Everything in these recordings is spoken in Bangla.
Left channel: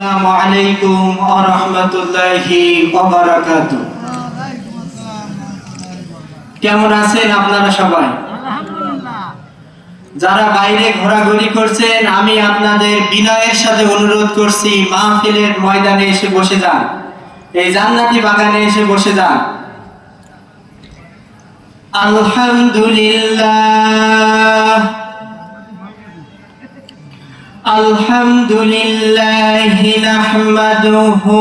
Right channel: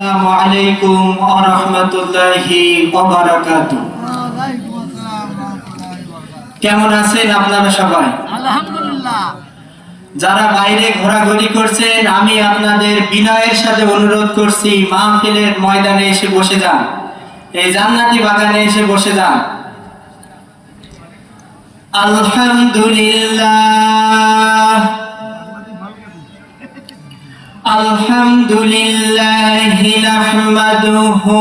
আসসালামু আলাইকুম ওয়া রাহমাতুল্লাহি ওয়া বারাকাতুহু। কেমন আছেন আপনারা সবাই? আলহামদুলিল্লাহ। যারা বাইরে ঘোরাঘুরি করছেন, আমি আপনাদের বিনয়ের সাথে অনুরোধ করছি, মাহফিলের ময়দানে এসে বসে যান, এই জান্নাতি বাগানে এসে বসে যান। আলহামদুলিল্লাহ আলহামদুলিল্লাহি নাহমাদুহু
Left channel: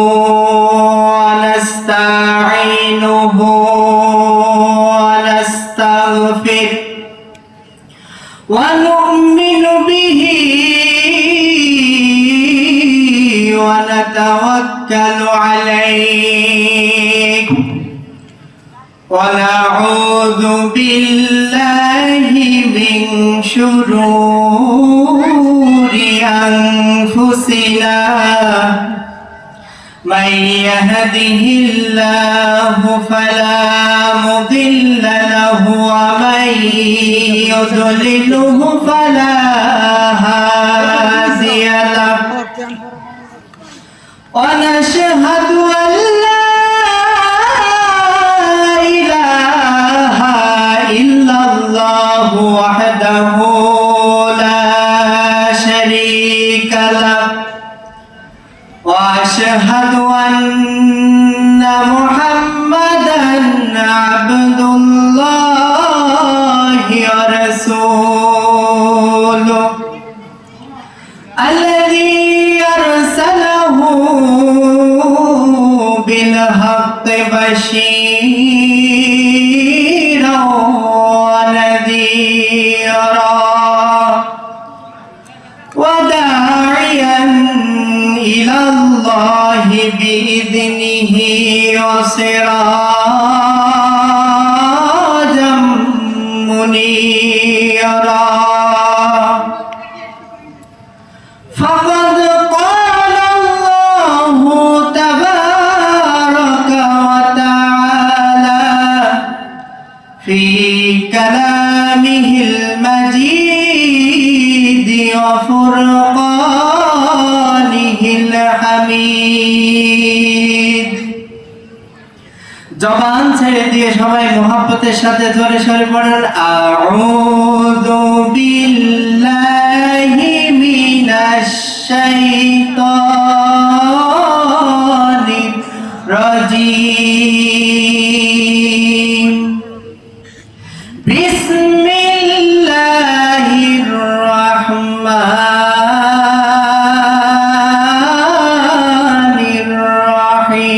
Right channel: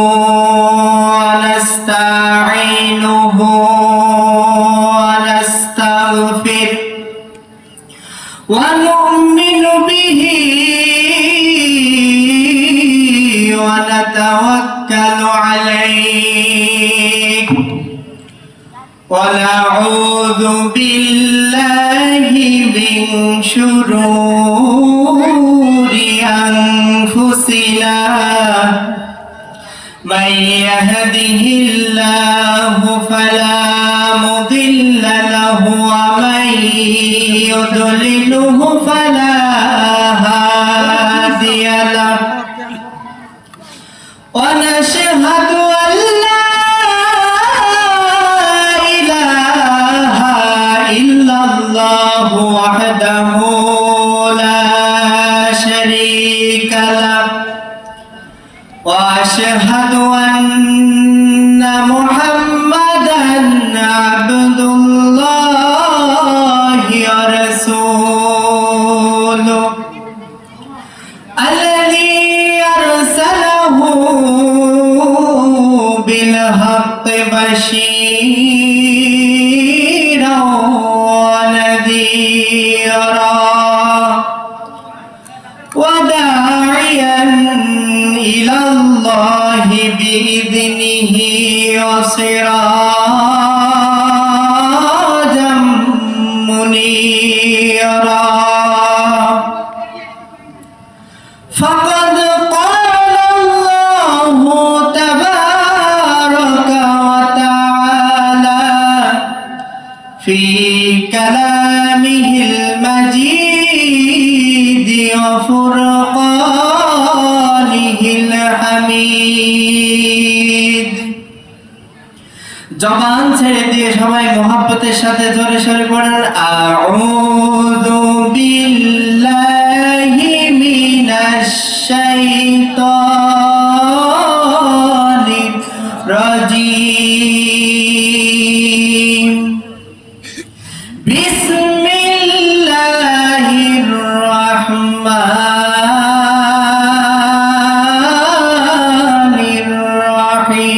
ওয়া নাস্তাঈনুহু ওয়া নাস্তাগফির ওয়া নু'মিনু বিহি ওয়া নাতাওয়াক্কালু আলাইহি ওয়া নাউযু বিল্লাহি মিন শুরুরি أنفسنا من يهده الله فلا مضل له ومن يضلله فلا هادي له ونشهد أن لا إله إلا الله وحده شريك له وأشهد أن محمدا عبد الله ورسوله الذي أرسله بالحق بشيرا ونذيرا وداعيا إلى الله بإذنه وسراجا منيرا فقد قال الله تبارك وتعالى في كلامه المجيد وفرقانه الحميد। জবান ছেড়ে দিয়ে সবাই মোহাব্বতের সাথে জোরে সরে পড়ুন, আউযু বিল্লাহি মিনাশ শাইতানির রাজীম। বিসমিল্লাহির রাহমানির রাহিম।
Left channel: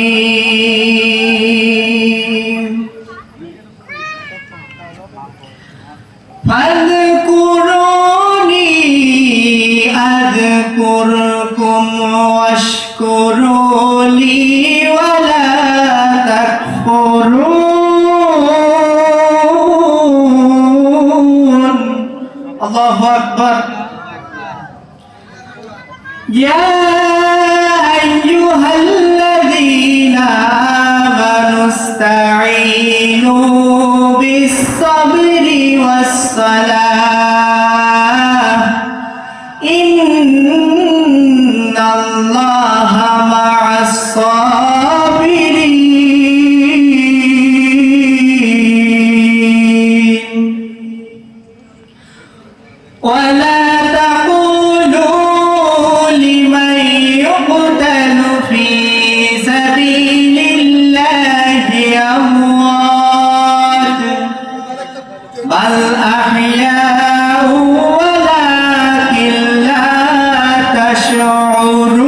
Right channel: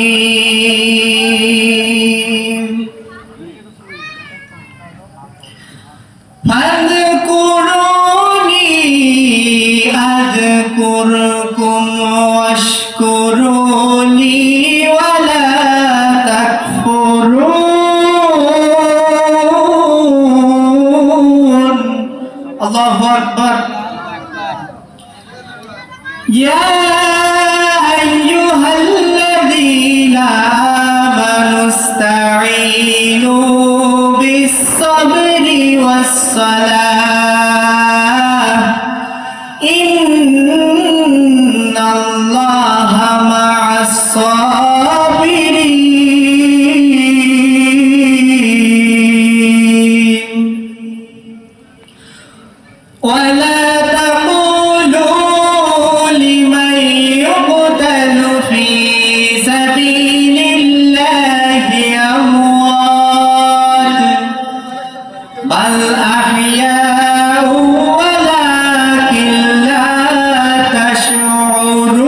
ফাযকুরুনি আযকুরকুম ওয়াশকুরুনি ওয়ালা তাকফুরুন। আল্লাহু আকবার। ইয়া আইয়ুহাল্লাযীনা আমানু ইসতাঈনু বিস-সাবরি ওয়াস-সালাহ ইন্নাল্লাহা মা'আস-সাবিরিন। ولا تقولوا لمن يقتل في سبيل الله أموات بل أحياء ولكن لا تشعرون।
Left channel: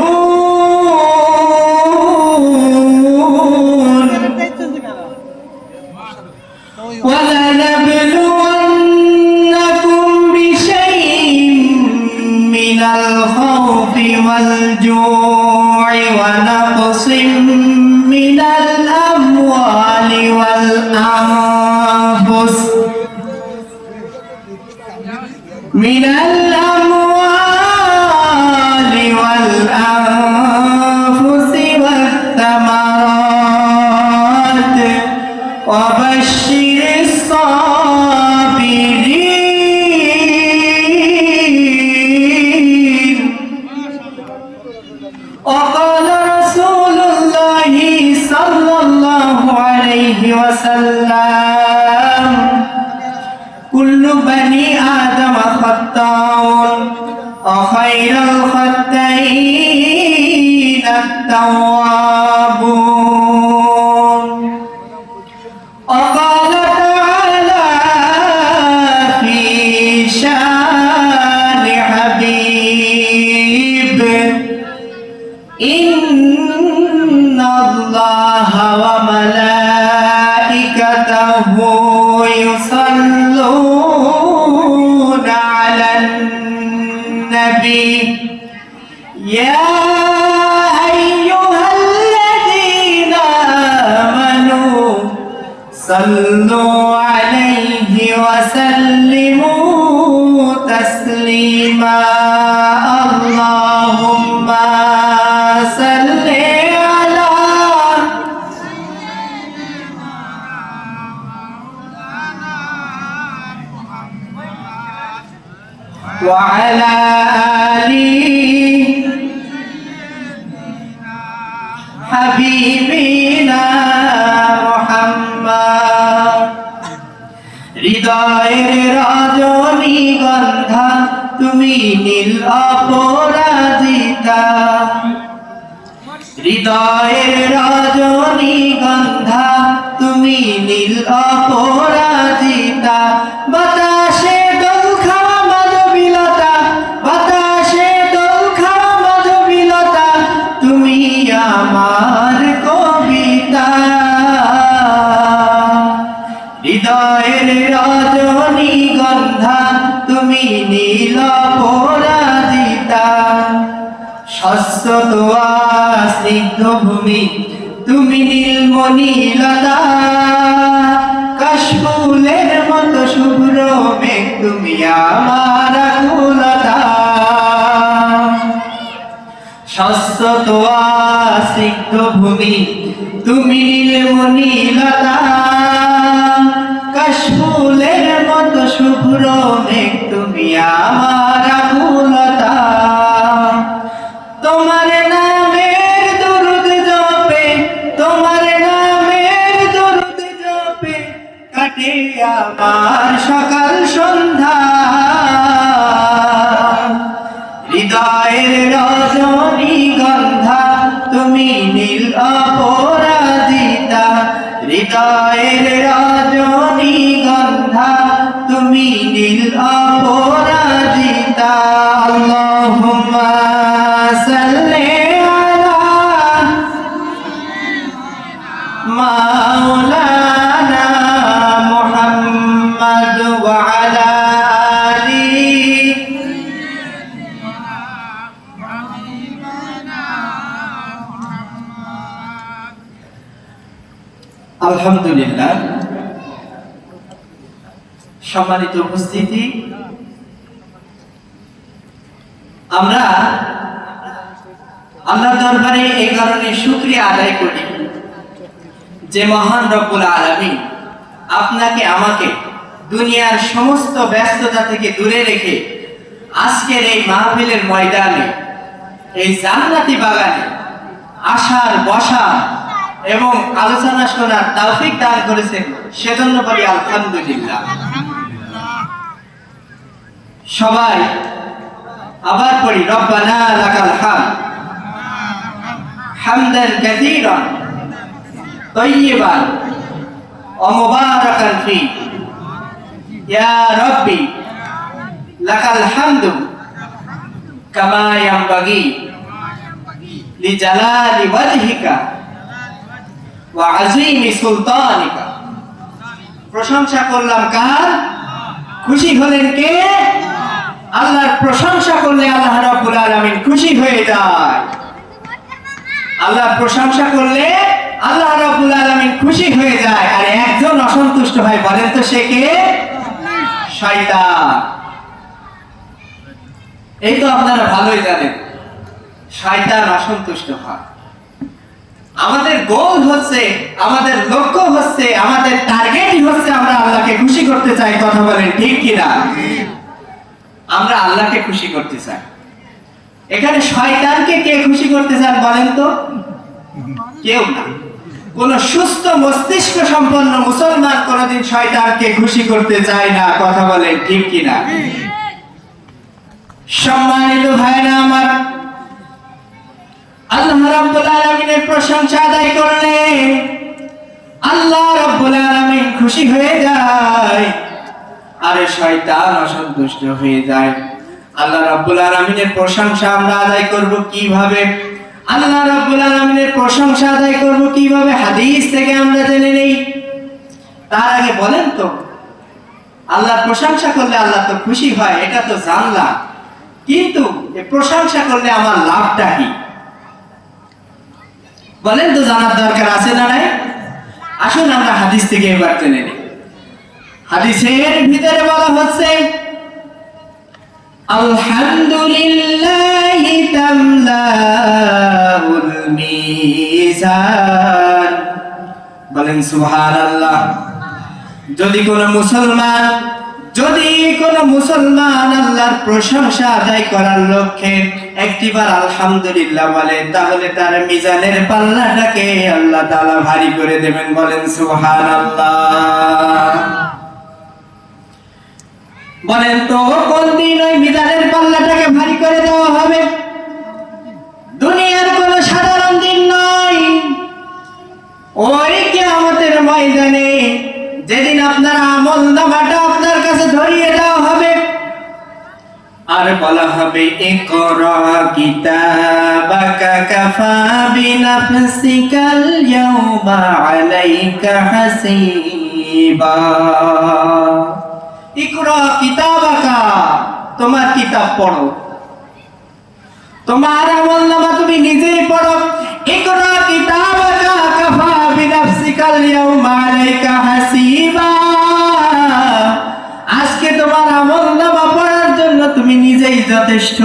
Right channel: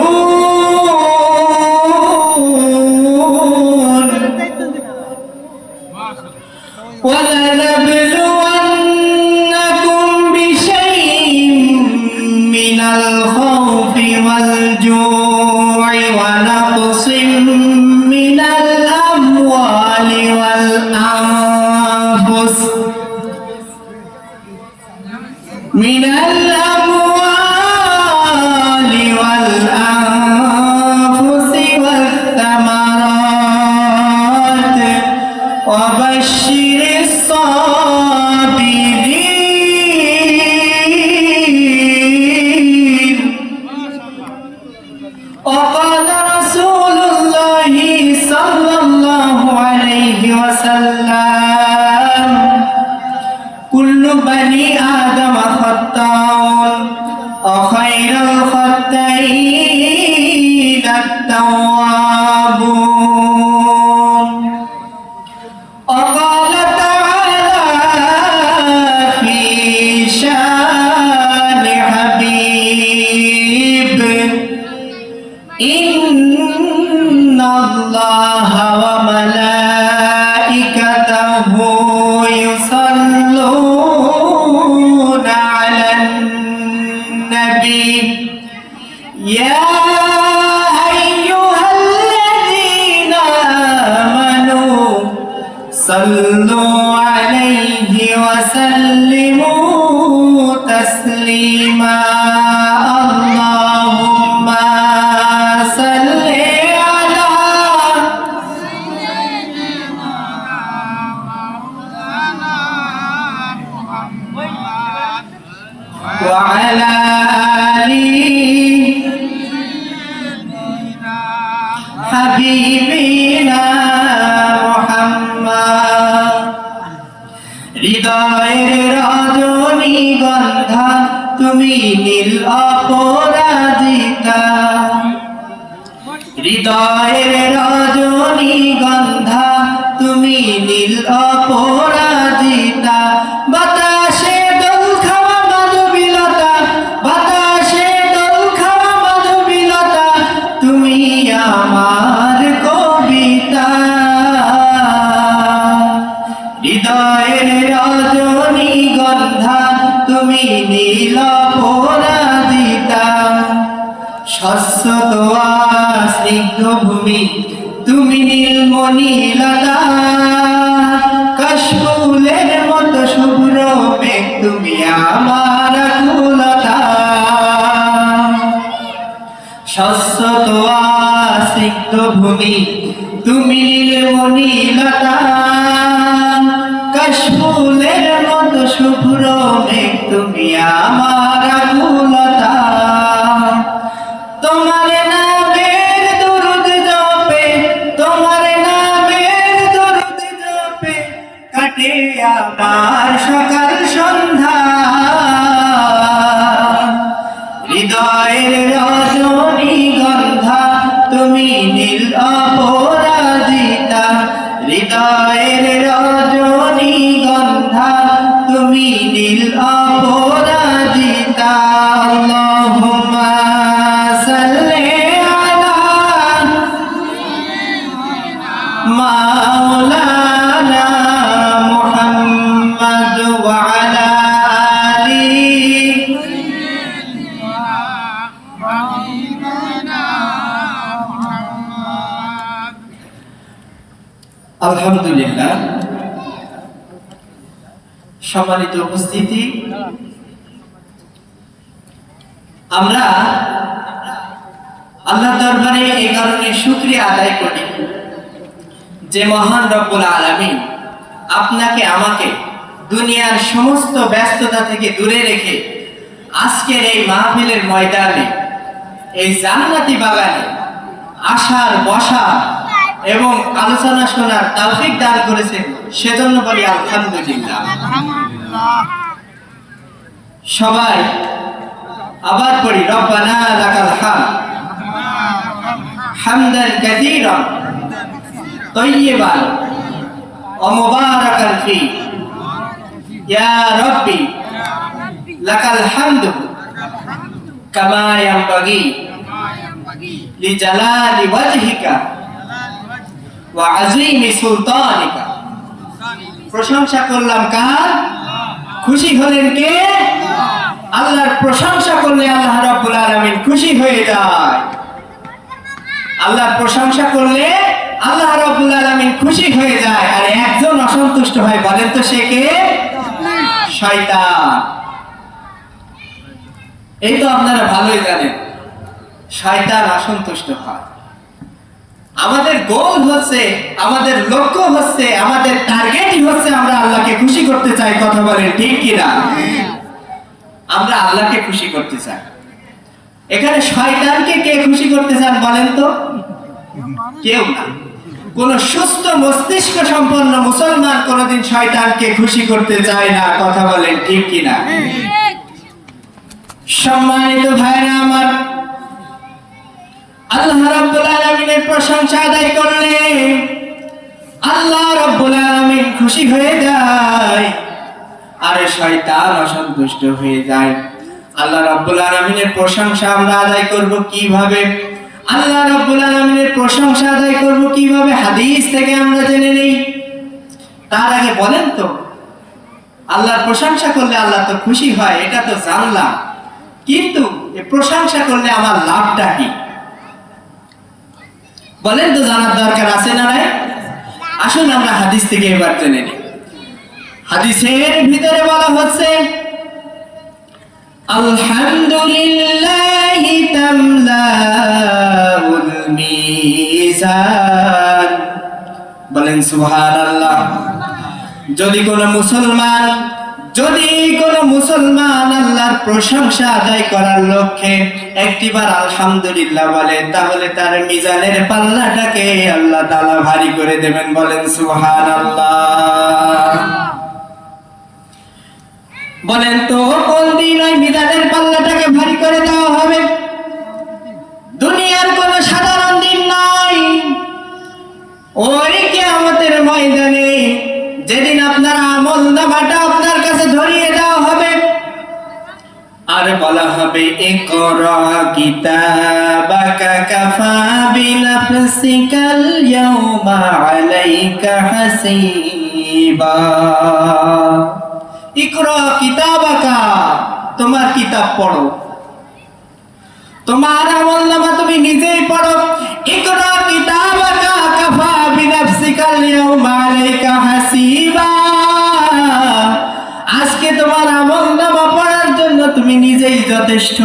وقال رسول الله صلى الله عليه وسلم كل بني آدم خطاء وخير الخطائين التوابون وقال تعالى في شان حبيب إن الله وملائكته يصلون على النبي يا أيها الذين آمنوا صلوا عليه وسلموا تسليما اللهم صل على وعلى آله حبيبنا محمد হৃদয়ের রজনীগন্ধা তুমি নীল অপরাজিতা হৃদয়ের রজনীগন্ধা তুমি নীল অপরাজিতা বাতাসে দোল খাওয়া মাধবীলতা বাতাসে দোল খাওয়া মাধবীলতা তুমি আমার কবিতা হৃদয়ের রজনীগন্ধা তুমি নীল অপরাজিতা শস্যত স্নিগ্ধ ভূমি তুমি নীলমণি লতা কাশফুলের মতো শুভ্র মেঘ তুমি আমার আকুলতা শস্যত স্নিগ্ধ ভূমি তুমি নীলমণি লতা কাশফুলের মতো শুভ্র মেঘ তুমি আমার আকুলতা তোমার নামের দরুদ জপে তোমার নামের দরুদ জপে কাটে আমার সকাল সন্ধ্যা হৃদয়ের রজনীগন্ধা তুমি নীল অপরাজিতা হৃদয়ের রজনীগন্ধা তুমি নীল অপরাজিতা আল্লাহুম্মা সাল্লি আলা মাওলানা মুহাম্মাদ ওয়া আলা আলিহি আলহামদুলিল্লাহ সম্মানিত উপস্থিতি আমরা আল্লাহর দরবারে এই কারণে শুকরিয়া আদায় করি যে মহান রব্বুল আলামিন আপনাকে আমাকে দুনিয়ার সমস্ত ব্যস্ততা থেকে দূরে রেখে আজকের এই মাহফিলের ময়দানে এই জান্নাতি বাগানে আসার বসা এবং আলোচনা শোনার তৌফিক দান করেছেন সেজন্য বলি আলহামদুলিল্লাহ সবাই আবার পড়ি রব্বানা লাকাল হামদ হামদান কাসীরান তাইয়িবান ওয়া মুবারাকান ফি ইয়া রাব্বি লাকাল হামদু কামা ইয়ানবাগি লিজালালি ওয়াজহিকা ওয়া আযীমি সুলতানিকা প্রশংসা করলাম কার খুশি হলেন কে আল্লাহর প্রশংসা করলে আল্লাহ রাব্বুল আলামিন খুশি হয়ে যায় আল্লাহর প্রশংসা করলে আল্লাহ রাব্বুল আলামিন খুশি হয়ে যায় আর একজন অসন্তুষ্ট হয় বলেন তো সে কে শয়তান এই তো আপনারা ভালোই জানেন শয়তান অসন্তুষ্ট হয় আমাদের গোল হচ্ছে আমাদের লক্ষ্য হচ্ছে আমাদের টার্গেটই হচ্ছে আমরা আল্লাহকে খুশি করতে চাই কথা বলেন ঠিক কি না আমরা আল্লাহকে খুশি করতে চাই এখানে শয়তানকে কে খুশি করতে চান বলেন তো? কেউ না। কোন সুস্থ মস্তিষ্ক সম্পন্ন মুসলমান কোনদিন শয়তানকে খুশি করতে চায় না। কথা বলেন ঠিক কিনা? সম্মানিত ভাইরা আমার, আল্লাহ রাব্বুল আলামিনের প্রশংসা আদায় করলে আল্লাহ রাব্বুল আলামিন খুশি হয়ে যায় আর শয়তান অসন্তুষ্ট হয়ে যায়। আল্লাহ রাব্বুল আলামিনের প্রশংসা আমরা আদায় করব কিভাবে? আল্লাহ রাব্বুল আলামিনের প্রশংসা আদায় করব কিভাবে? হাদিস থেকে আমরা জেনে নেই। তার আগে বলেন তো, আল্লাহর প্রশংসা করলে আল্লাহ তো খুশি হয়, এটা তো জানলাম, কিন্তু এই প্রশংসা করলে আমার লাভটা কি বলেন তো? জানার দরকার আছে না? আসুন আমরা হাদিস থেকে এবার জেনে নিই। হাদিসের ভিতরে বলা হচ্ছে, আলহামদুলিল্লাহি তামলাউল মিজান। বলেন সুবহানাল্লাহ। যদি কোন মুসলমান আল্লাহর প্রশংসা আদায় করার লক্ষ্যে একটিবার আলহামদুলিল্লাহ বলে, তাহলে তার মিজানের পাল্লাটাকে আল্লাহ তাআলা ভারী করে দেবেন। বলেন সুবহানাল্লাহ। বলেন তো কোন দিন ওই মিজানের পাল্লাটাকে ভারী করে দেওয়া হবে? দুনিয়ার কোন সাধারণ দিন নয়, ওই কিয়ামতের ময়দানে যেদিন আপনার আমলনামাটা আপনার কাছে ধরিয়ে দেওয়া হবে আর বলা হবে, ইকরা কিতাবাকা কাফা বিনাফসিকাল ইয়াওমা আলাইকা হাসিবা। ইকরা কিতাবাকা, তোমার কিতাব পড়ো, তোমার আমলনামা তুমি নিজেই পড়ো। ইকরা কিতাবাকা কাফা বিনাফসিকাল ইয়াওমা আলাইকা হাসিবা। আজকে তোমার আমলনামা পড়ার জন্য তুমি নিজেই যথেষ্ট,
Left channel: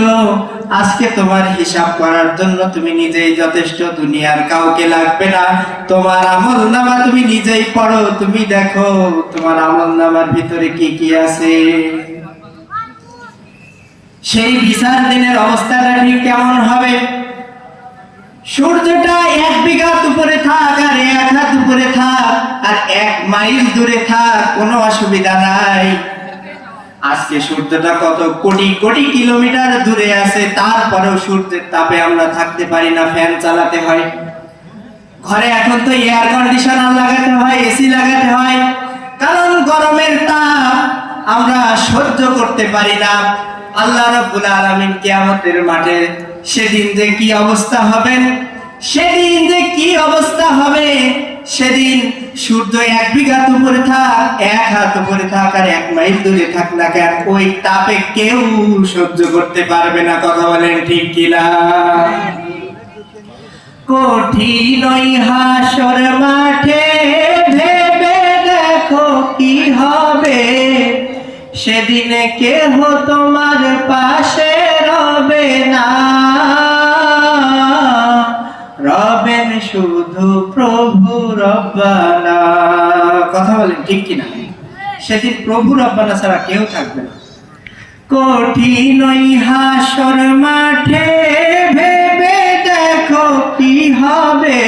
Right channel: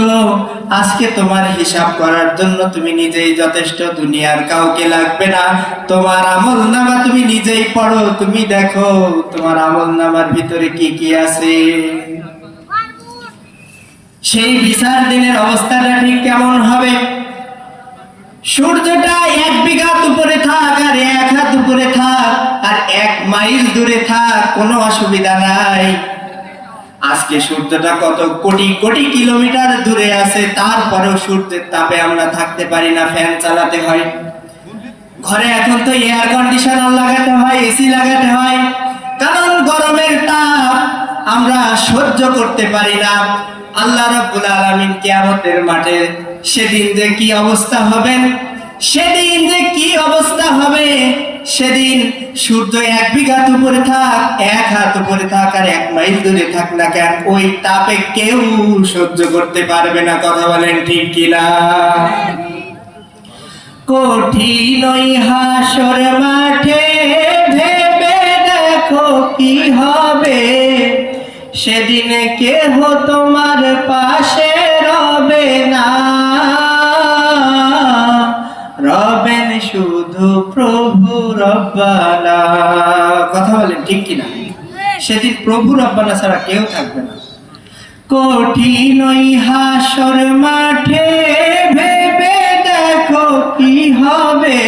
আজকে তোমার হিসাব করার জন্য তুমি নিজেই যথেষ্ট, দুনিয়ার কাউকে লাগবে না। তোমার আমলনামা তুমি নিজেই পড়ো, তুমি দেখো তোমার আমলনামার ভিতরে কি কি আছে। সেই বিচার দিনের অবস্থাটা ঠিক কেমন হবে? সূর্যটা 1 বিঘা উপরে থাক আর 1 হাত উপরে থাক আর 1 মাইল দূরে থাক, কোনো অসুবিধা নাই। আজকে সূর্যটা কত কোটি কোটি কিলোমিটার দূরে আছে, তারপরেও সূর্যের তাপে আমরা থাকতে পারি না, ফ্যান চালাতে হয়। ঘরে এখন তো এয়ার কন্ডিশনার লাগাতে হয়, এসি লাগাতে হয়, কারণ গরমের তাপ আমরা সহ্য করতে পারি না। আল্লাহ রাব্বুল আলামিন কিয়ামতের মাঠে সেদিন যে কি অবস্থা হবে, সেদিন সূর্য 1 বিঘা উপরে থাক, 1 হাত উপরে থাক আর 1 মাইল দূরে থাক না কেন, ওই তাপে কেউ সহ্য করতে পারবে না। কথা বলেন ঠিক কিনা? কঠিন ওই হাসর মাঠে ভেবে দেখো কি হবে, সেদিনে কেহ তোমার পাশে রবে না, রবেন শুধু প্রভু রব্বানা। কথা বলেন ঠিক কিনা? সেদিন প্রভু রব্বানা ছাড়া কেউ থাকবে না। কঠিন ওই হাসর মাঠে ভেবে দেখো কি হবে,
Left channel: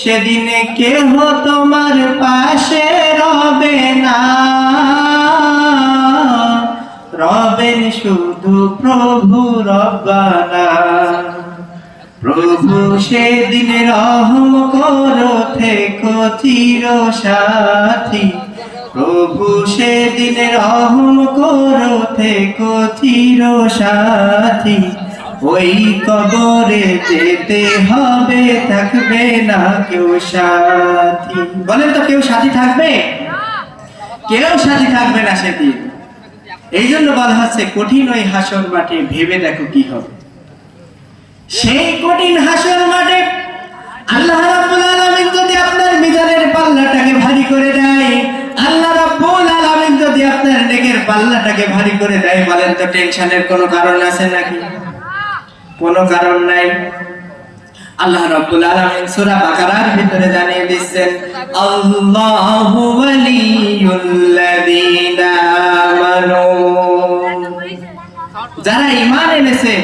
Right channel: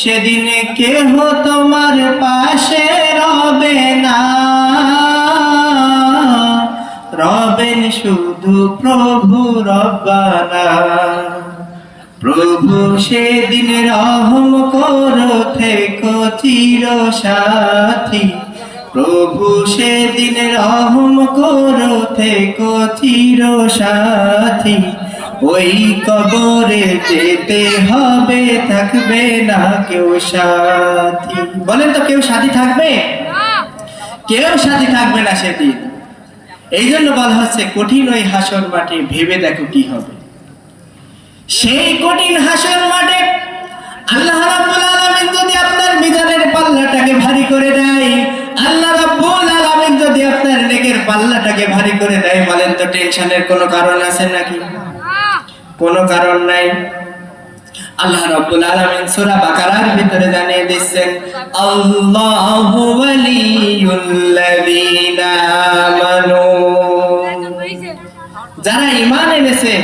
সেদিনে কেহ তোমার পাশে রবে না, রবেন শুধু প্রভু রব্বানা। প্রভু সেদিন রহম করো থেকো চির সাথী, প্রভু সেদিন রহম করো থেকো চির সাথী। ওই কবরে যেতে হবে, থাকবে না কেউ সাথী। বলেন তো কেউ সাথী থাকবে? কেউ সাথী থাকবে না সেদিন। এই জন্য বলা হচ্ছে কঠিন ওই হাসর মাঠে ভেবে দেখো কি হবে। সেই কঠিন হাসর মাঠে আল্লাহ রাব্বুল আলামিন যদি আপনার মিজানের পাল্লাটাকে ভারী করে দেয়, আল্লাহ রাব্বুল আলামিন যদি আপনার নেকের পাল্লাটাকে ভারী করে দেয়, বলেন তো টেনশনের কোনো কারণ আছে নাকি? কোনো কারণ নাই। আল্লাহ রাব্বুল আলামিন সূরা বাকারার ভিতরে জানিয়ে দিচ্ছেন, আল্লাহু ওয়ালিয়ুল্লাযীনা আমানু, যারা ঈমান এনেছে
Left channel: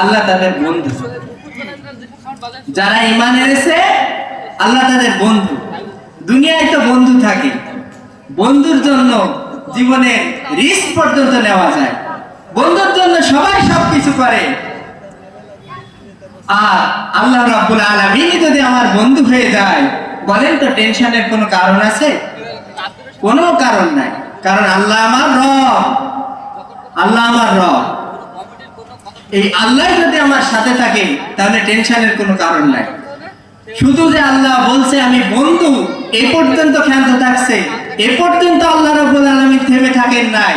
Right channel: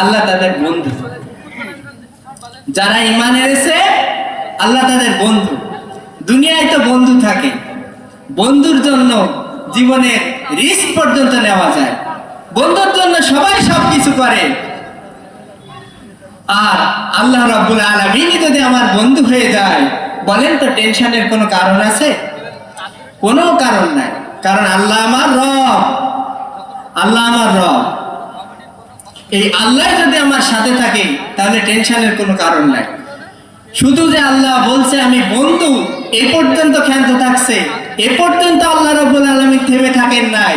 আল্লাহ তাদের বন্ধু। যারা ঈমান এনেছে আল্লাহ তাদের বন্ধু। দুনিয়ায় তো বন্ধু থাকে, বন্ধুর জন্য জীবনের রিস্ক পর্যন্ত নেওয়া যায়, বন্ধুর জন্য সবাই সবকিছু করে। আর আল্লাহ রাব্বুল আলামিন যদি আমার বন্ধু হয়ে যায়, বলেন তো টেনশনের কোনো কারণ আছে? কোনো কারণ নাই, কারণ আল্লাহ আমার রব। আল্লাহ আমার রব, এই আল্লাহ যদি আমার সাথে থাকে তাহলে টেনশনের কোনো কারণ নাই। শুধু যে আল্লাহ বলছে আমি বন্ধু, এ পর্যন্ত ক্ষান্ত থাকছে, এ পর্যন্ত আল্লাহ রাব্বুল আলামিন থেমে থাকেন নাই।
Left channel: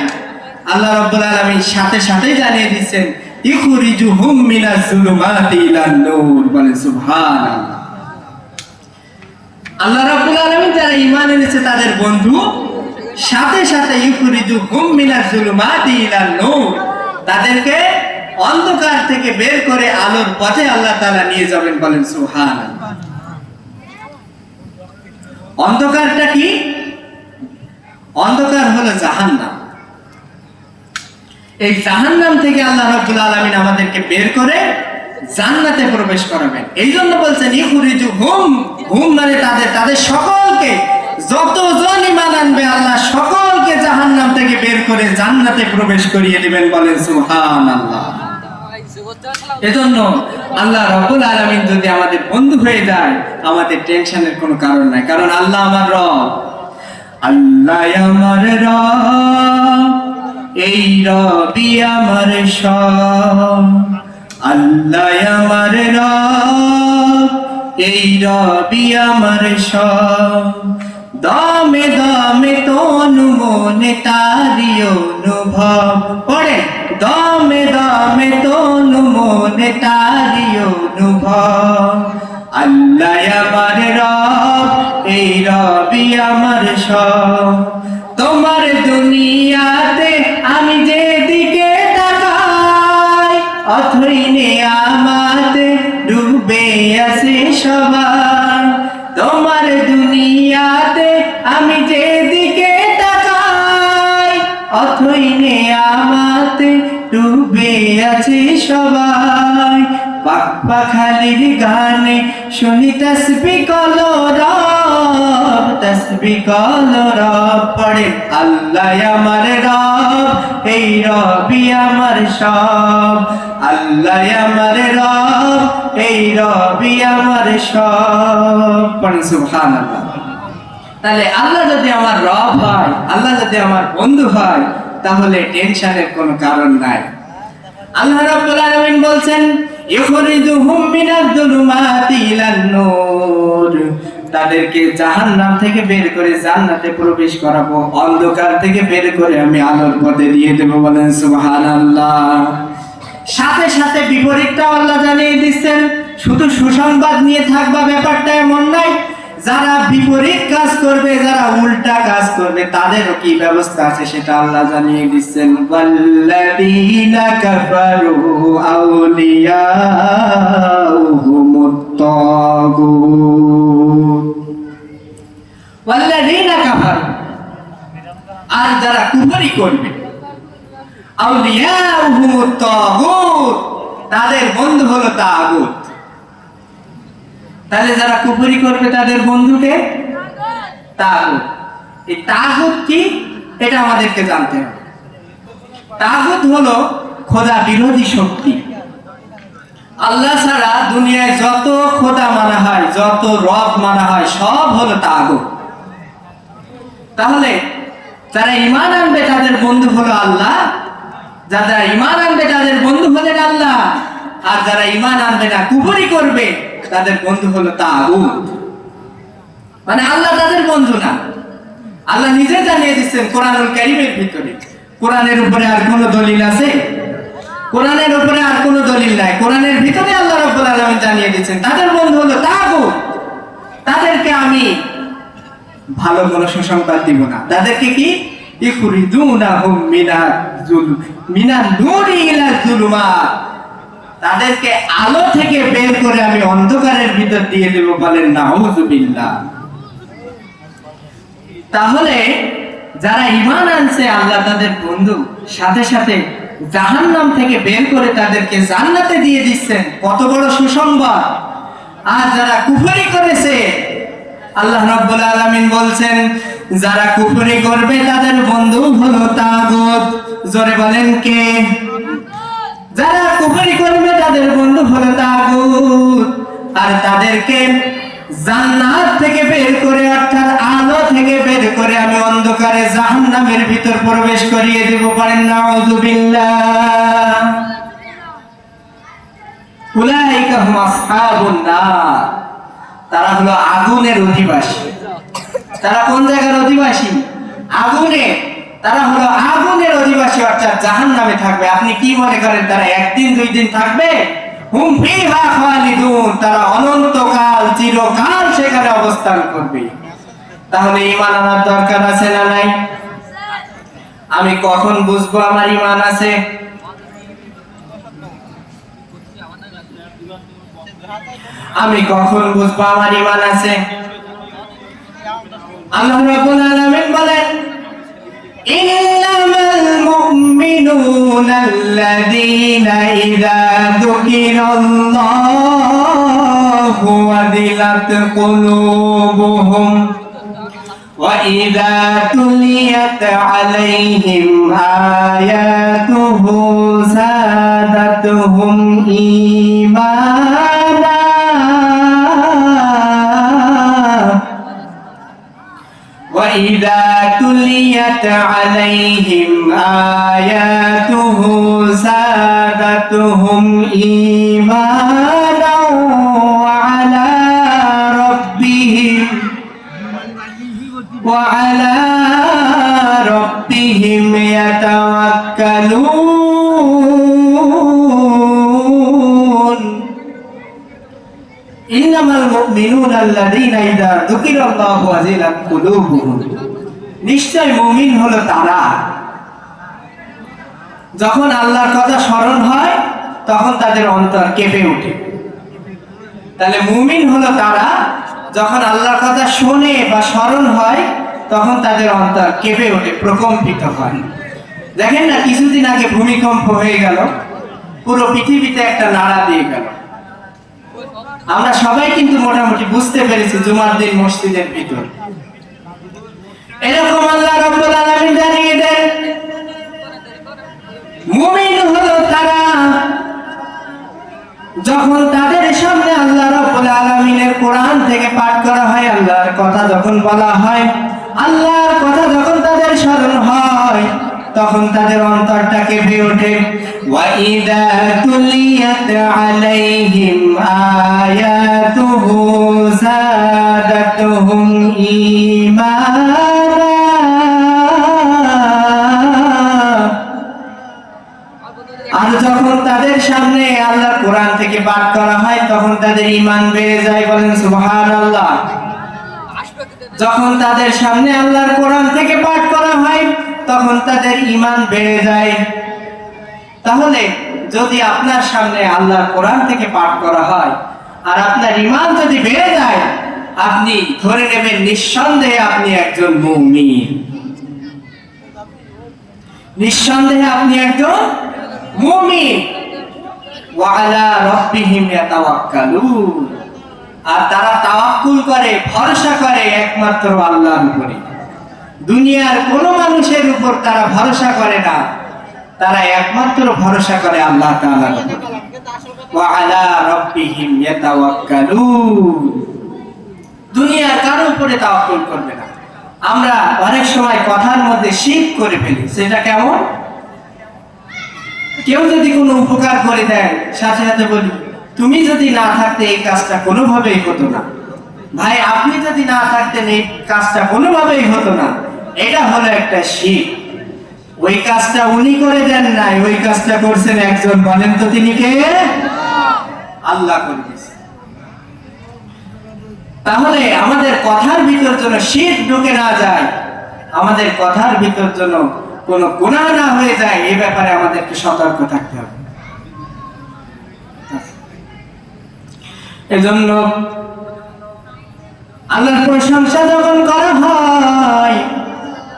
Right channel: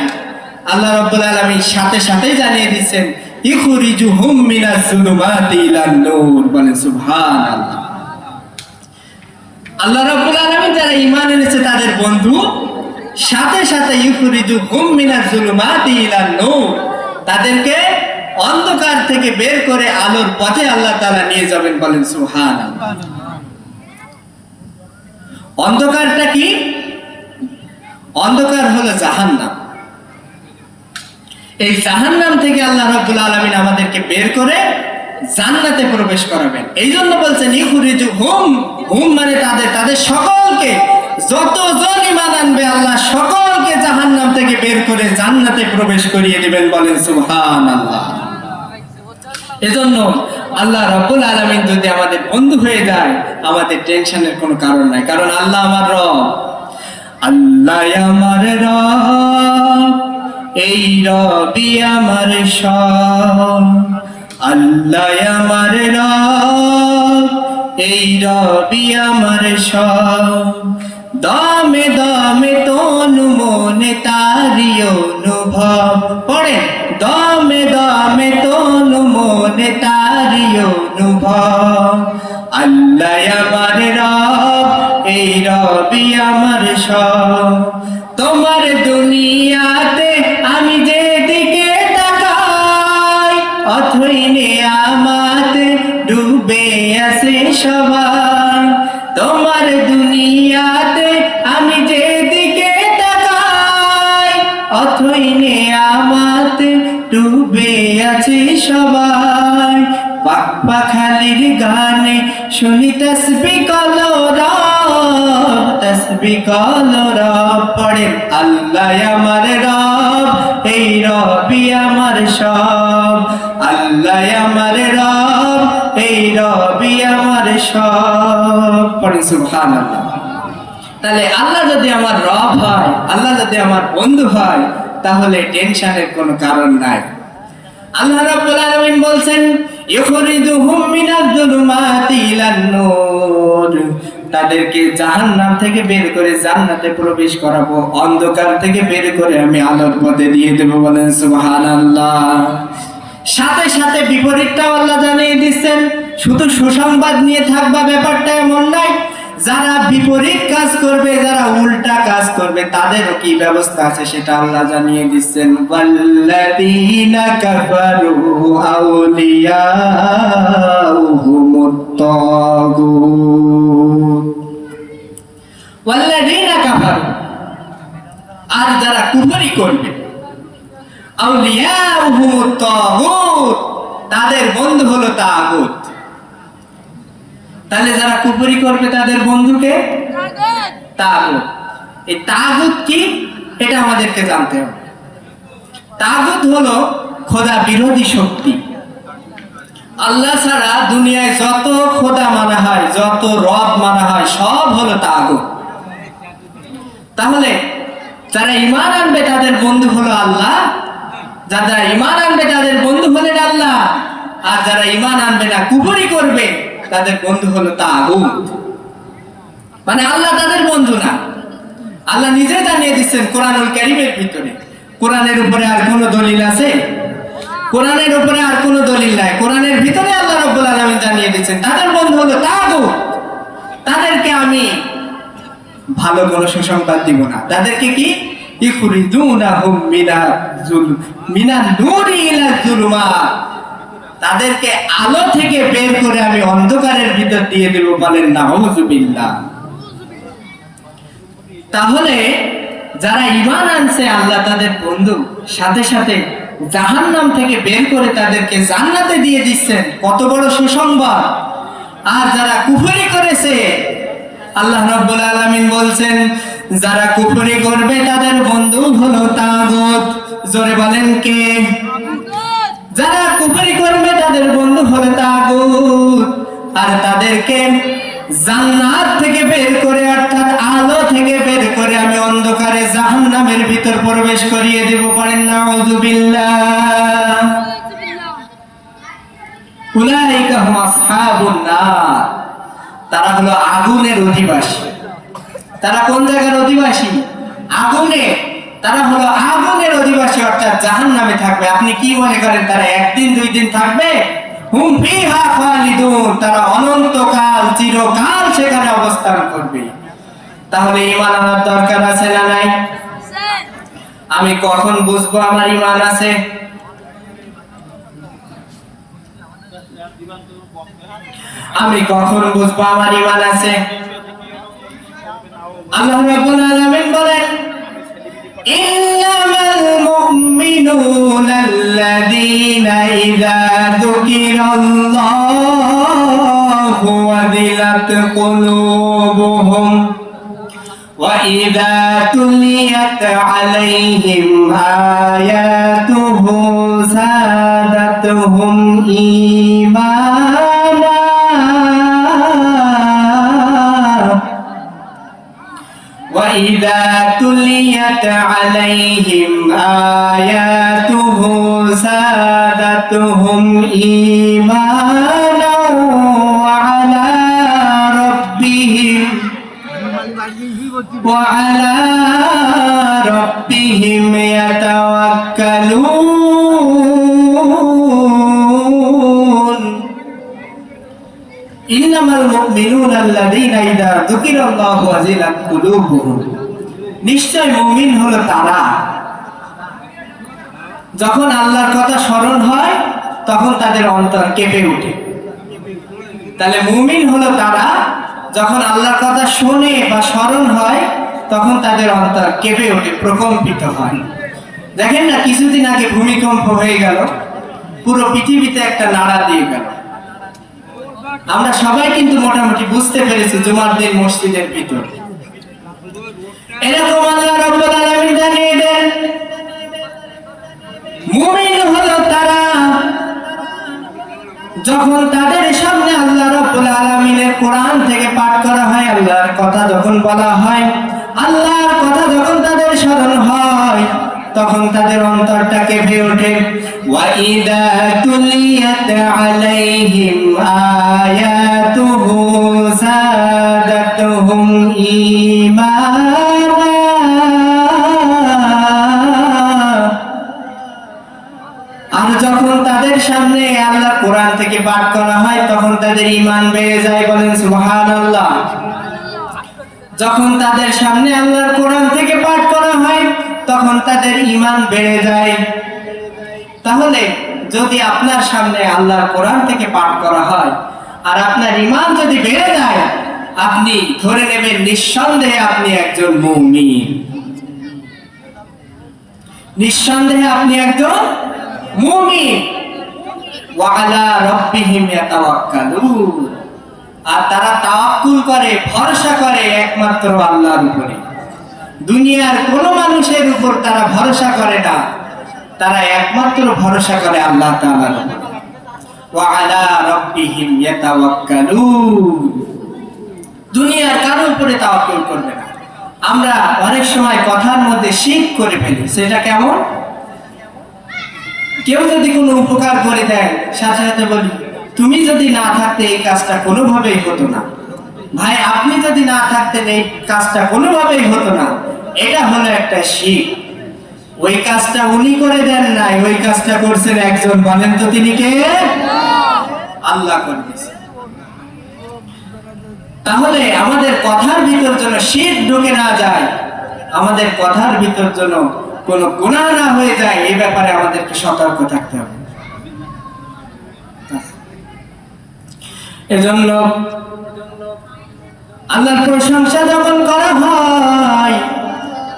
আল্লাহ রাব্বুল আলামিন সাথে সাথে জানিয়ে দিচ্ছেন ইখরিজুহুম মিনাজ যুলুমাতি ইলান নূর। বলেন সুবহানাল্লাহ। আল্লাহ রাব্বুল আলামিন যারা ঈমান এনেছে তাদের বন্ধু, সাথে সাথে ইখরিজুহুম মিনাজ যুলুমাতি ইলান নূর, তাদেরকে অন্ধকার থেকে বের করে আলোর পথে আল্লাহ তাআলা নিয়ে যাবেন। বলেন সুবহানাল্লাহ। অন্ধকারটা কি? অন্ধকার হলো জাহান্নাম। এই জাহান্নাম থেকে আল্লাহ রাব্বুল আলামিন আমাদেরকে বের করে জান্নাতে প্রবেশ করাবেন। এই জন্য বলছেন ইখরিজুহুম, হুম মানে তাদের সকলকে, যতজন ঈমান আনবে আল্লাহ সকলকে জাহান্নাম থেকে বের করে জান্নাতে প্রবেশ করিয়ে দিবেন। বলেন সুবহানাল্লাহ। এজন্য আল্লাহ রাব্বুল আলামিন যদি আমাদের বন্ধু হয়ে যায়, আমাদের টেনশনের কোনো কারণ নাই, কারণ আল্লাহ আমার রব। আল্লাহ আমার রব, এই রবি আমার সব। আল্লাহ আমার রব, এই রবি আমার সব। দমে দমে তনু মনে তারি অনুভব। পড়ে দমে দমে তনু মনে তারি অনুভব। আল্লাহ আমার রব, এই রবি আমার সব। তোমার দুনিয়াতে আমি যেদিকে তাকাই, অথই নেয়ামতে ডুবে আছে সবাই। তোমার দুনিয়াতে আমি যেদিকে তাকাই, অথই নেয়ামতে ডুবে আছে সবাই। পাক পাখালির গানে শুনি তাসবিহ কলো রব, তাসবিহ কলো রব। পড়ে আল্লাহ আমার রব, এই রবি আমার সব। আল্লাহ আমার রব, এই রবি আমার সব। পড়ে সুবহানাল্লাহ। তাহলে আল্লাহ যদি আমার রব হয়, আল্লাহ যদি আমার বন্ধু হয়, তাহলে টেনশনের কোনো কারণ নাই। আল্লাহ রাব্বুল আলামিন বলছেন ইখরিজুহুম মিনাজ যুলুমাতি ইলান নূর, তাদেরকে জাহান্নাম থেকে বের করে জান্নাতে প্রবেশ করাবো, অন্ধকার থেকে বের করে আমি আলোর পথে দিয়ে দেব। বলেন সুবহানাল্লাহ। সাথে সাথে বিপরীতটা আল্লাহ জানিয়ে দিচ্ছেন। শুধু সুসংবাদ নিয়ে থাকবা ব্যাপারটা এমন নয়, যারা বিপরীত কাজ করবে, যারা উল্টা কাজ করবে, তাদের কি ব্যবস্থা আছে সেটা আল্লাহ জানিয়ে দিচ্ছেন। ওয়াল্লাযীনা কাফারু আউলিয়াউহুমুত তাগুত। ওয়াল্লাযীনা কাফারু, আর যারা কুফরি করবে, আউলিয়াউহুমুত তাগুত, তাদের বন্ধু হলো তাগুত। তাহলে যারা কুফরি করবে তাদের বন্ধুকে তাগুত। এই তাগুত কি এটা আমাদেরকে জানতে হবে। তাগুত হলো খোদা বিরোধী শক্তি। আল্লাহ ছাড়া দুনিয়ায় যত খোদা মানা হয়, যত রব মানা হয়, সব হলো তাগুত। তাহলে যারা ঈমান আনবে তাদের বন্ধু হলো আল্লাহ, যারা ঈমান আনবে তাদের বন্ধু হলেন আল্লাহ, আর যারা ঈমান আনবে না, কুফরি করবে, তাদের বন্ধু হলো তাগুত। মানে আল্লাহ তাদের বন্ধু না। আল্লাহ নিজে জানিয়ে দিচ্ছেন কোরআনুল কারীমের ভিতরে। কোরআনের উপরে আর কোনো দলিল আছে? কোরআনের উপরে আর কোনো দলিল নাই। কোরআনের ভিতরে আল্লাহ রাব্বুল আলামিন জানিয়ে দিচ্ছেন তাদের বন্ধু হলো তাগুত। তাদেরকে আমি ভালো কোনো সুসংবাদ দিব না। তাদেরকে কি ইখরিজুনাহুম মিনান নূরি ইলা যুলুমাত, তাদেরকে আলো থেকে বের করে আমি অন্ধকারের ভিতর দিয়ে দেব। বলেন নাউযুবিল্লাহ। তাহলে যারা ঈমান আনছে আল্লাহ তাদের বন্ধু, সাথে সাথে জাহান্নাম থেকে বের করে তাদেরকে জান্নাতে দিয়ে দিচ্ছেন, কত বড় সুসংবাদ। আর যারা কুফরি করেছে, আল্লাহ রাব্বুল আলামিন বলছেন যারা কুফরি করবে তাদের বন্ধু হলো তাগুত। জোরে বলেন কে? যারা কুফরি করবে তাদের বন্ধু হলো তাগুত। আর তাদেরকে জান্নাত থেকে বের করে, অর্থাৎ আলো থেকে বের করে আমি অন্ধকারে জাহান্নামের ভিতর প্রবেশ করিয়ে দেব। পারেন নাউযুবিল্লাহ। উলাইকা হুম আসহাবুন নার, তারা হলো আগুনের অধিবাসী। তারা কোন জায়গার অধিবাসী? আগুনে। তারা হলো আগুনের অধিবাসী, অর্থাৎ জাহান্নামে থাকবে। আপনি কি মনে করেন তারা একদিন দুই দিন থাকবে? হুম ফিহা খালিদুন, তারা অনন্তকাল চিরকাল সেখানে অবস্থান করবে। তাহলে ঈমান আমার দরকার আছে না নাই? আমি কখন বুঝবো আমার ঈমান আছে? আমি কখন বুঝবো আমার ঈমান আছে? আল্লাহ রাব্বুল আলামিন বলেন ইন্নামাল মুমিনুনা আল্লাযীনা ইযা যুকিরাল্লাহু ওয়াজিলাত কুলুবুহুম ওয়া ইযা তুলিয়াত আলাইহিম আয়াতুহু যাদাতুহুম ঈমানা وَإِذَا تُلِيَتْ عَلَيْهِمْ آيَاتُهُ زَادَتْهُمْ إِيمَانًا وَعَلَى رَبِّهِمْ يَتَوَكَّلُونَ ইন্নামাল মুমিনুনা আল্লাযীনা ইযা যুকিরাল্লাহু ওয়াজিলাত কুলুবুহুম, নিশ্চয় মুমিন হলো তারা যখন আল্লাহর কথা স্মরণ হয় তখন তাদের অন্তর কেঁপে ওঠে। তাহলে মুমিন হলো তারা যখন আল্লাহর কথা শুনে বা স্মরণ হয় তখন তাদের অন্তর কেঁপে ওঠে, প্রকম্পিত হয়। দেখেন না, কিছুদিন আগে ভূমিকম্প হয়ে গেল, পুরো পৃথিবীতে একটা নাড়া দিয়ে গেল। আমরা সবাই কিন্তু মোটামুটি বুঝতে পেরেছি জুমার দিন মসজিদের ভিতর। এরকম আল্লাহ রাব্বুল আলামিন জানিয়ে দেন মুমিন হলো তারা যখন তাদের সামনে আল্লাহ রাব্বুল আলামিনের কোরআন থেকে পাঠ করা হয়, আল্লাহর কথা যখন বলা হয়, আল্লাহর কথা যখন তাদের স্মরণ হয় তখন তাদের অন্তরটা কেঁপে ওঠে। وَإِذَا تُلِيَتْ عَلَيْهِمْ آيَاتُهُ زَادَتْهُمْ إِيمَانًا আর যখন তাদের সামনে আল্লাহ কোরআন থেকে পাঠ করা হয় তখন তাদের ঈমান বেড়ে যায়। বলেন সুবহানাল্লাহ। যখন তাদের সামনে আল্লাহর কোরআন থেকে পাঠ করা হয় তখন তাদের ঈমান বেড়ে যায়। তাহলে যদি আপনার সামনে আল্লাহর কোরআন থেকে পাঠ করা হয় আর আপনার ঈমান যদি বেড়ে যায়, আপনি ধরে নেবেন নিঃসন্দেহে আপনি একজন মুমিন। নিঃসন্দেহে আপনি একজন মুমিন। ওয়া আলা রাব্বিহিম ইয়াতাওয়াক্কালুন, আর তারা তাওয়াক্কুল করে, ভরসা করে একমাত্র আল্লাহর উপরে। দুনিয়ার কোন মানুষের উপর তারা ভরসা করে না, তারা একমাত্র ভরসা করে আল্লাহ তাআলার উপর। ওয়া আলা রাব্বিহিম ইয়াতাওয়াক্কালুন, দুনিয়ার কারোর উপরে তাওয়াক্কুল করবে না। আমরা অনেক সময় কথার মধ্যে শিরক করে ফেলি। সেটা কেমন? কেউ যদি কোনো উপকার করে দেয় সাথে সাথে বলি তুমি যদি না থাকতে এই কাজটা কোনোভাবেই হতো না। ভাই আপনি যদি না থাকতেন এই কাজটা কোনোভাবেই হতো না। এটা হলো একটা শিরক। ওই কাজটা উনি করে দেন নাই, ওই কাজটা করছেন একজন। বলেন তো তিনি কে? আল্লাহ করেছেন। তাহলে আমাদের কথার ভিতর যেন শিরক ঢুকে না যায়, আমাদের কথার ভিতর যেন কোনো গুনাহ না হয়ে যায়, এই ব্যাপারে আমাদেরকে সতর্ক থাকতে হবে। এজন্য আল্লাহর প্রশংসা যখন করা হয়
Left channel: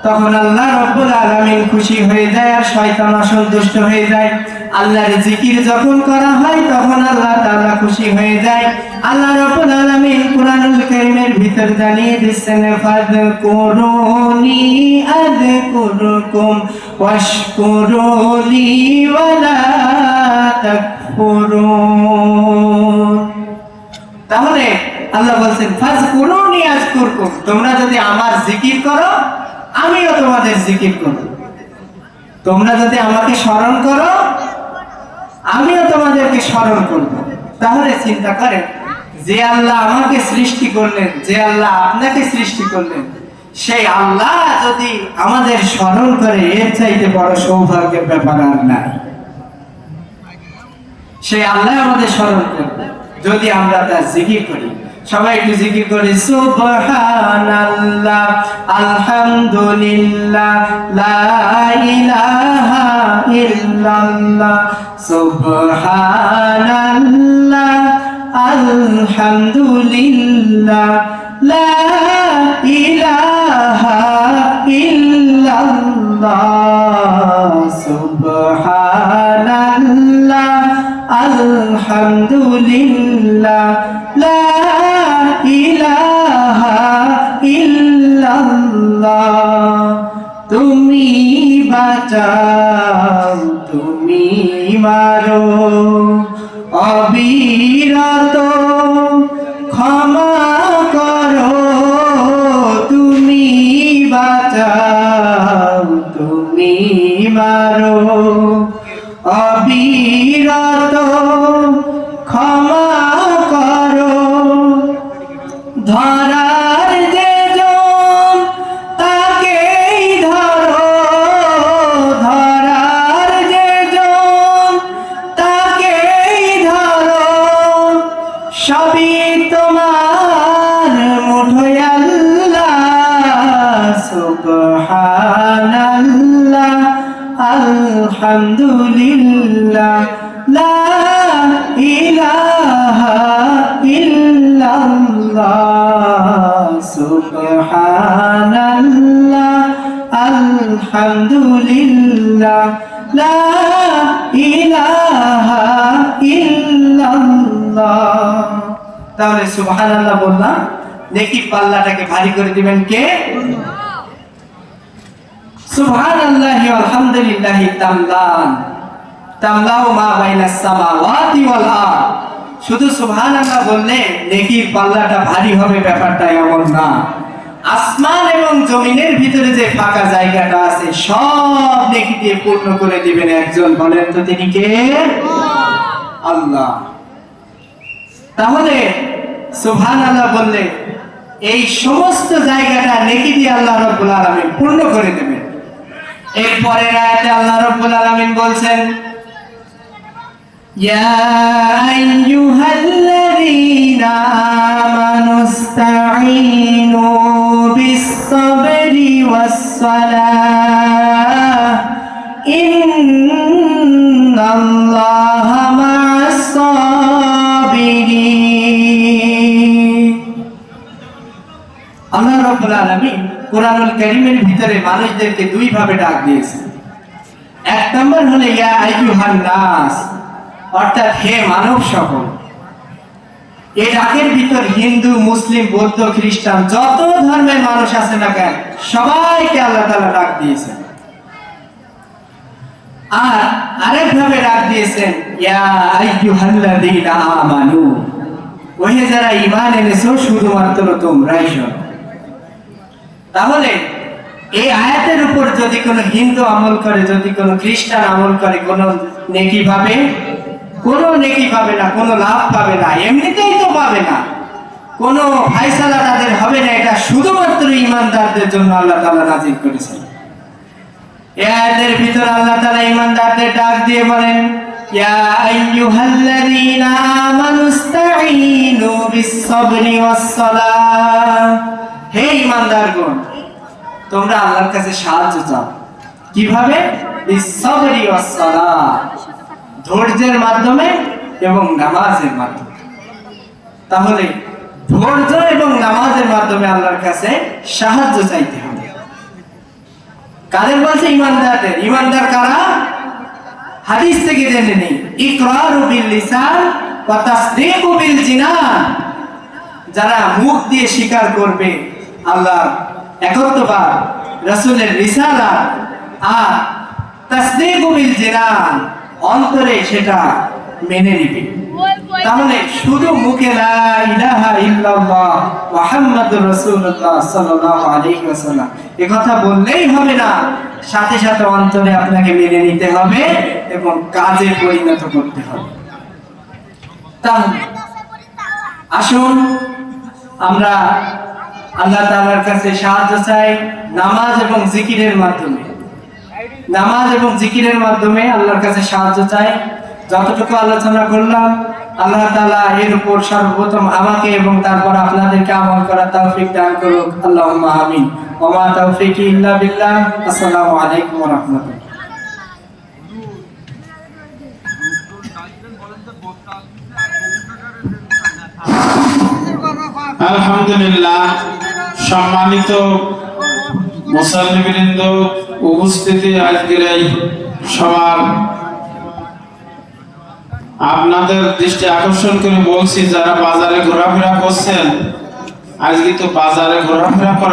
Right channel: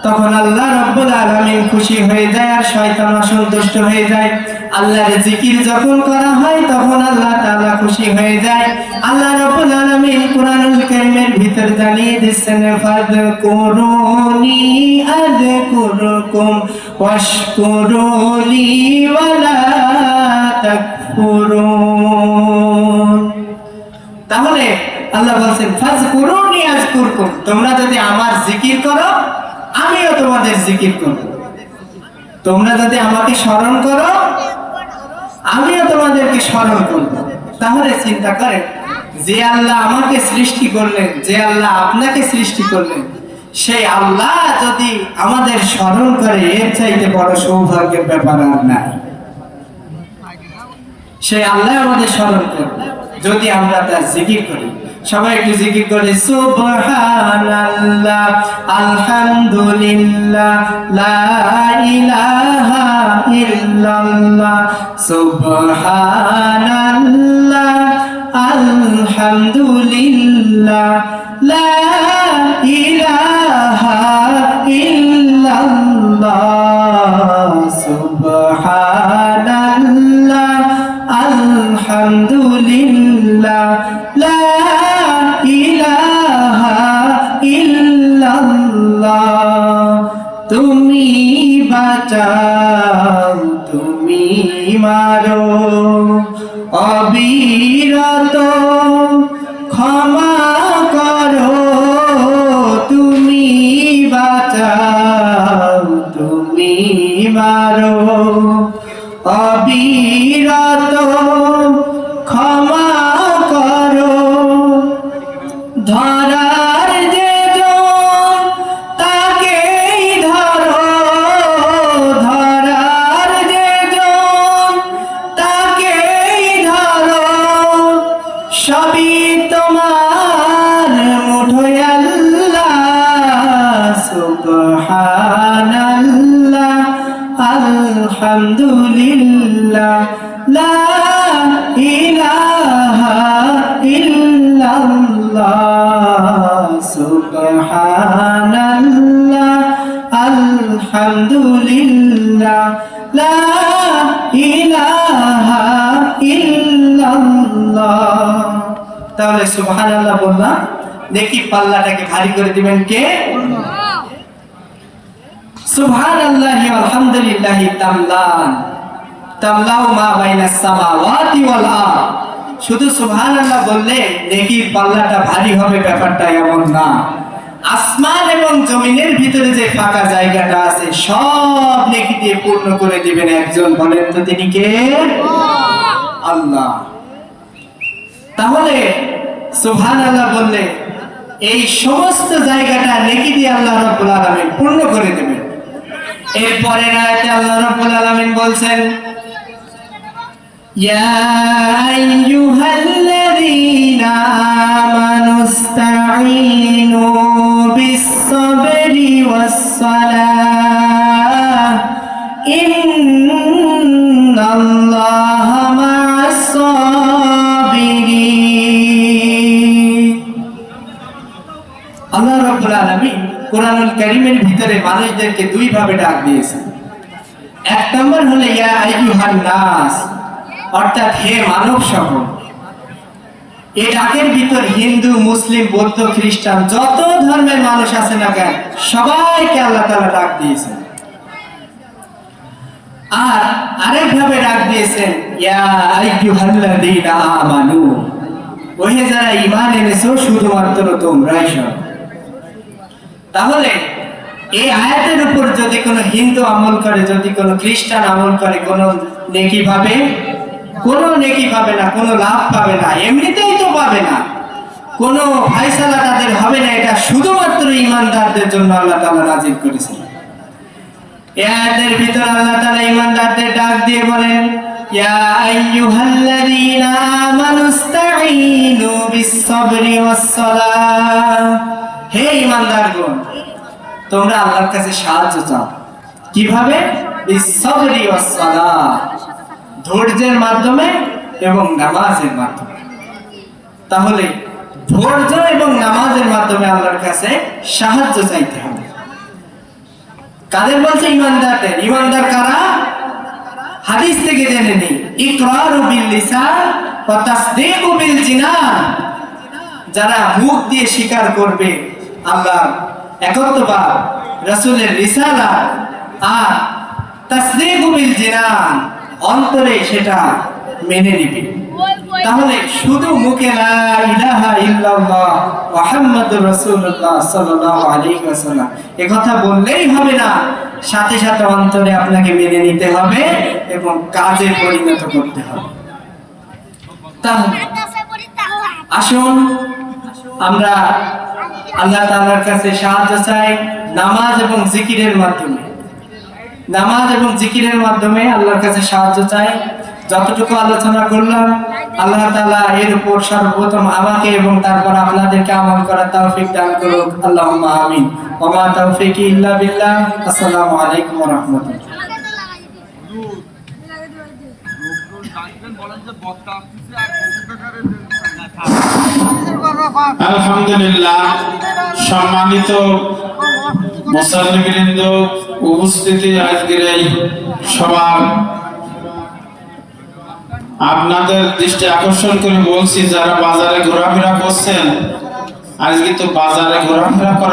তখন আল্লাহ রাব্বুল আলামিন খুশি হয়ে যায় আর শয়তান অসন্তুষ্ট হয়ে যায়। আল্লাহর জিকির যখন করা হয় তখন আল্লাহ তাআলা খুশি হয়ে যায়। আল্লাহ রাব্বুল আলামিন কুরআনুল কারীমের ভিতর জানিয়ে দিচ্ছেন, ফাযকুরুনি আযকুরুকুম ওয়াশকুরুলি ওয়ালা তাকফুরুন। তাহলে আল্লাহ বলেন ফাযকুরুনি আযকুরকুম, তোমরা যদি আমার জিকির করো আমিও তোমাদের জিকির করব। তোমরা যদি আমাকে স্মরণ করো আমিও তোমাদেরকে স্মরণ করব। তাহলে চিন্তা করেন, যে আল্লাহ আমাকে সৃষ্টি করলেন, যে আল্লাহ আপনাকে সৃষ্টি করলেন, সেই আল্লাহ যদি আমাদের স্মরণ করে, এর চাইতে বড় সৌভাগ্যের ব্যাপার আর নাই। সেই আল্লাহ আমাদের স্মরণ করবে যদি আমরা তার জিকির করি। সবাই একটু জিকির করে, সুবহানাল্লাহ, আলহামদুলিল্লাহ, লা ইলাহা ইল্লাল্লাহ, সুবহানাল্লাহ, আলহামদুলিল্লাহ, লা ইলাহা ইল্লাল্লাহ, সুবহানাল্লাহ, আলহামদুলিল্লাহ, লা ইলাহা ইল্লাল্লাহ। তুমি বাঁচাও, তুমি মারো, অবিরত ক্ষমা করো, তুমি বাঁচাও, তুমি মারো, অবিরত ক্ষমা করো। ধরার যে জন তাকেই ধরো, ধরার যে জন তাকেই ধরো, সবই তোমার মুঠোয় আল্লাহ, সুবহানাল্লাহ, আলহামদুলিল্লাহ, লা ইলাহা ইল্লাল্লাহ, সুবহানাল্লাহ, আলহামদুলিল্লাহ, লা ইলাহা ইল্লাল্লাহ। তাহলে সুবহানাল্লাহ বললাম, দেখি পাল্লাটাকে ভারী করে দিবেন কে? সুবহানাল্লাহি আলহামদুলিল্লাহি তামলান তামলাউ মা বাইনাস সামাওয়াতি ওয়াল আরদ। শুধু সুবহানাল্লাহ বললে নেকির পাল্লাটা ভারী হবে, ব্যাপারটা এমন না। আসমান এবং জমিনের ভিতরে যে ফাঁকা জায়গাটা আছে সব নেকি দিয়ে পূর্ণ করে দিবেন একজন, বলেন তো তিনি কে? আল্লাহ। তাহলে সুবহানাল্লাহ বললে এই সমস্ত জায়গাটা নেকি দিয়ে আল্লাহ রাব্বুল আলামিন পূর্ণ করে দিবেন। এরপরে আয়াতে আল্লাহ রাব্বুল আলামিন বলছেন, ইয়া আইয়ুহাল্লাযীনা আমানু ইসতাঈনু বিস-সাবরি ওয়াস-সালাহ, ইন্নাল্লাহা মা'আস-সাবিরিন। আল্লাহ রাব্বুল আলামিন কুরআনুল কারীমের ভিতরে মানুষদেরকে দুই ভাবে ডাক দিয়েছেন। এক নম্বর হলো ইয়া আইয়ুহান নাস, অর্থাৎ হে মানব সকল। এই ডাকের ভিতর হিন্দু, মুসলিম, বৌদ্ধ, খ্রিস্টান যত ধর্মের মানুষ আছে না কেন সবাইকে আল্লাহ তাআলা ডাক দিয়েছেন। আর আরেক ভাবে ডাক দিয়েছেন ইয়া আইয়ুহাল্লাযীনা আমানু, ওহে যারা ঈমান এনেছো শুধুমাত্র তোমরাই সব। তাহলে এই আয়াতের উপর যদি কোনো হিন্দু আমল করে, যদি কোনো খ্রিস্টান আমল করে, কোনো নেকি পাবে? কোনো নেকি পাবে না, কোনো লাভ পাবে না, এমনিতেই তো পাবে না, কোনো ফয়সালা তাদের হবে না। এটা শুধুমাত্র ঈমানদারদের জন্য আল্লাহ তাআলা নাযিল করেছেন। এই আয়াতের ভিতরে আল্লাহ তাআলা ঈমানদারদের ডাক দিয়ে বলেন, ইয়া আইয়ুহাল্লাযীনা আমানু ইসতাঈনু বিস-সাবরি ওয়াস-সালাহ। হে ঈমানদারগণ, তোমরা আল্লাহর কাছে সাহায্য চাও। কিভাবে? বিস-সাবরি ওয়াস-সালাহ, ধৈর্যের মাধ্যমে এবং নামাজের মাধ্যমে। তাহলে ধৈর্য এবং নামাজের মাধ্যমে আল্লাহর কাছে সাহায্য চাইতে হবে। কাদের বলছে? ইমানদারদের। ইমানদার কারা? হাদিস থেকে জেনে নেই। ইকরারু বিল লিসান ওয়া তাসদীকু বিল জিনান, যারা মুখ দিয়ে স্বীকার করবে আল্লাহর একত্ববাদ, রাসূলের রিসালাত, আর তাসদীকু বিল জিনান, অন্তরে সেটা মেনে নিবে। তাহলে শুধু মুখে লা ইলাহা ইল্লাল্লাহ মুহাম্মাদুর রাসূলুল্লাহ সাল্লাল্লাহু আলাইহি ওয়াসাল্লাম এই কথা বললেই হবে না, সাথে সাথে অন্তরে আপনাকে মেনে নিতে হবে এবং কাজে পরিণত করতে হবে। তাহলে আসুন আমরা আল্লাহ তাআলার কাছে সাহায্য চাই নামাজ এবং জিকিরের মাধ্যমে। নামাজ এবং জিকিরের মাধ্যমে আল্লাহর কাছে সাহায্য চাই। যতটুকু আলোচনা করলাম আল্লাহ তাআলা এর উপর সর্বপ্রথম আমাকে এবং তারপর আপনাদেরকে আমল করার তৌফিক দান করুন। আল্লাহুম্মা আমিন। ওয়া মা তাওফীকি ইল্লা বিল্লাহ। আসসালামু আলাইকুম ওয়া রাহমাতুল্লাহ। আলহামদুলিল্লাহ, সম্মানিত মুসল্লিবৃন্দ, উপস্থিতি আজকের এই সবার আপনাদের দৃষ্টি আকর্ষণ করে বলছি, যারা বাজারে ঘোরাফেরা করছেন, আজকে তো বাজারে ঘোরাফেরা করা